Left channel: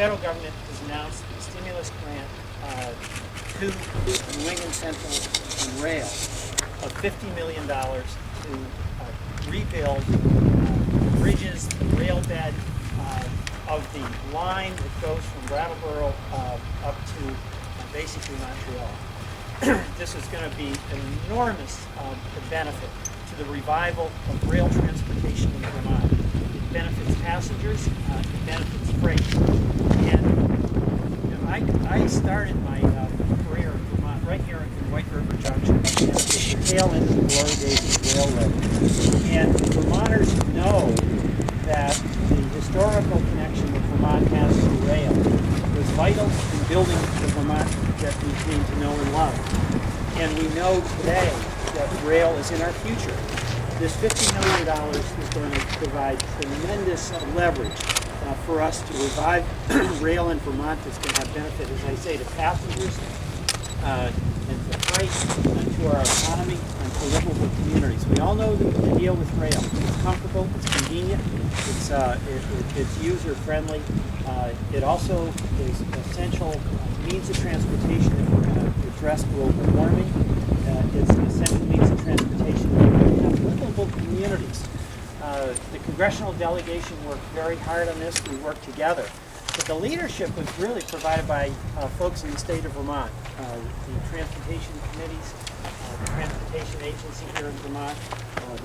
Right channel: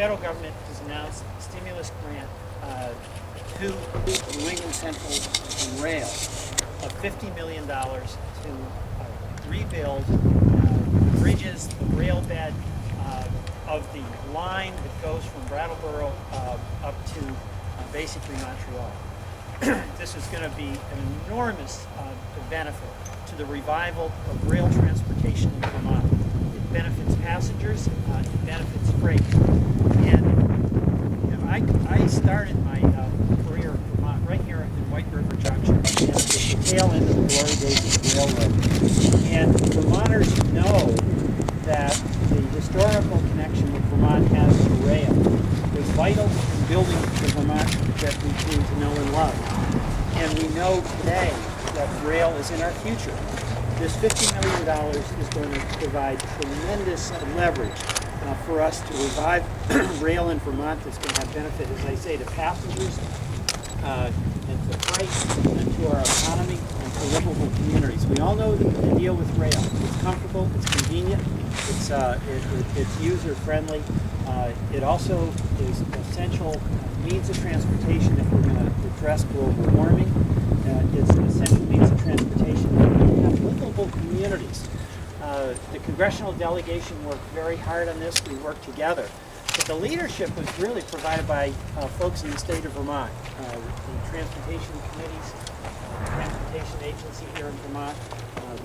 federal government has announced a stimulus grant to New England Central and Rail of $50 million to rebuild the bridges, the rail bed of the line that goes from Brattleboro up to basically Montreal. This is going to be an enormous benefit to the revival of rail transportation in Vermont. It benefits passengers, it benefits freight. And you know, I started my career in Vermont right here in White River Junction, and it's the tail end of the glory days of the railroad. And Vermonters know that the historical connection that Vermont has to rail was vital in building the Vermont that we came to know and love. And we know today that rail is in our future. This $50 million is going to provide tremendous leverage for us to revive rail in Vermont that's going to have benefit, as I say, to passengers and to freight and to our economy and to livable communities. We all know the deal with rail. It's comfortable, it's convenient, it's user-friendly. It also is essential means of transportation if we're going to address global warming. It's an essential means of transportation if we're going to have livable communities. The congressional delegation worked very hard on this. We worked together. But the leadership was really provided by folks in the state of Vermont, the transportation committees, the transportation agency here in Vermont,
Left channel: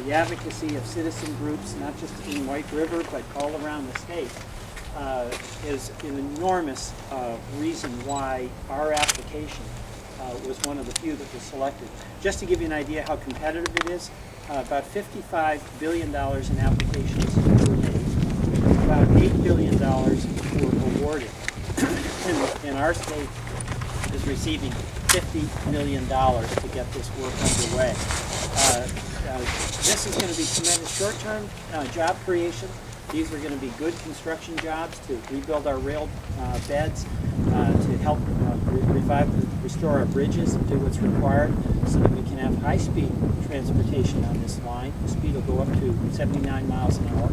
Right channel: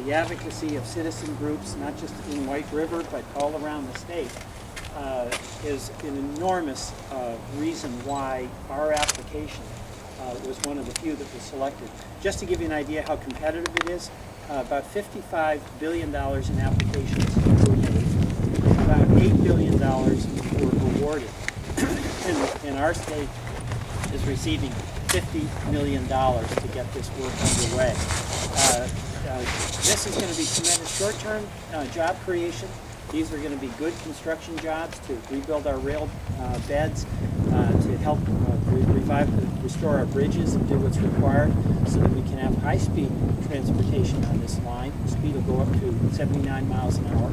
the advocacy of citizen groups, not just in White River, but all around the state, is an enormous reason why our application was one of the few that was selected. Just to give you an idea how competitive it is, about $55 billion in applications were made. About $8 billion were awarded. And our state is receiving $50 million to get this work underway. This is going to be tremendous short-term job creation. These are going to be good construction jobs to rebuild our rail beds, to help restore our bridges and do what's required so that we can have high-speed transportation on this line. The speed will go up to 79 miles an hour.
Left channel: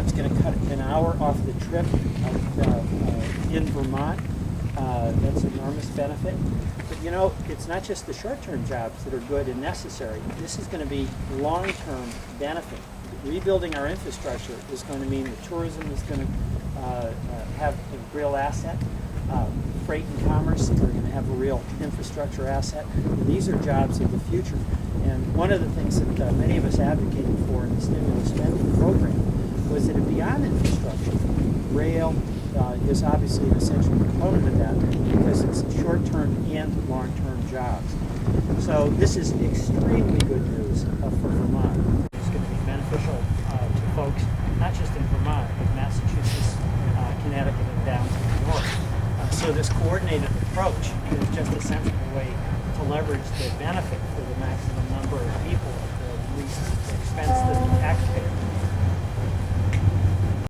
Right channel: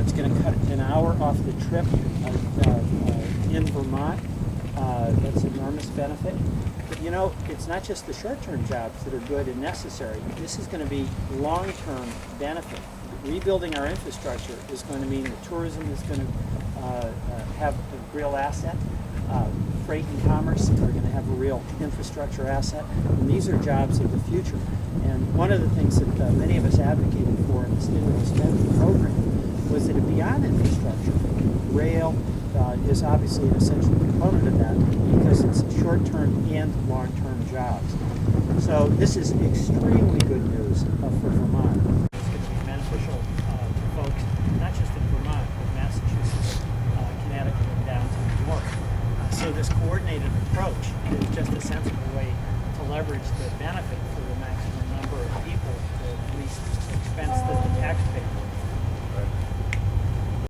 It's going to cut an hour off the trip in Vermont. That's an enormous benefit. But you know, it's not just the short-term jobs that are good and necessary. This is going to be long-term benefit. Rebuilding our infrastructure is going to mean that tourism is going to have a real asset. Freight and commerce are going to have a real infrastructure asset. And these are jobs of the future. And one of the things that many of us advocated for in the stimulus spending program was that beyond infrastructure, rail is obviously an essential component of that because it's short-term and long-term jobs. So this is extremely good news for Vermont. It's going to be beneficial to folks, not just in Vermont, but Massachusetts, Connecticut, and down to New York. So this coordinated approach is just a sensible way to leverage the benefit for the maximum number of people at the least expense to the taxpayer.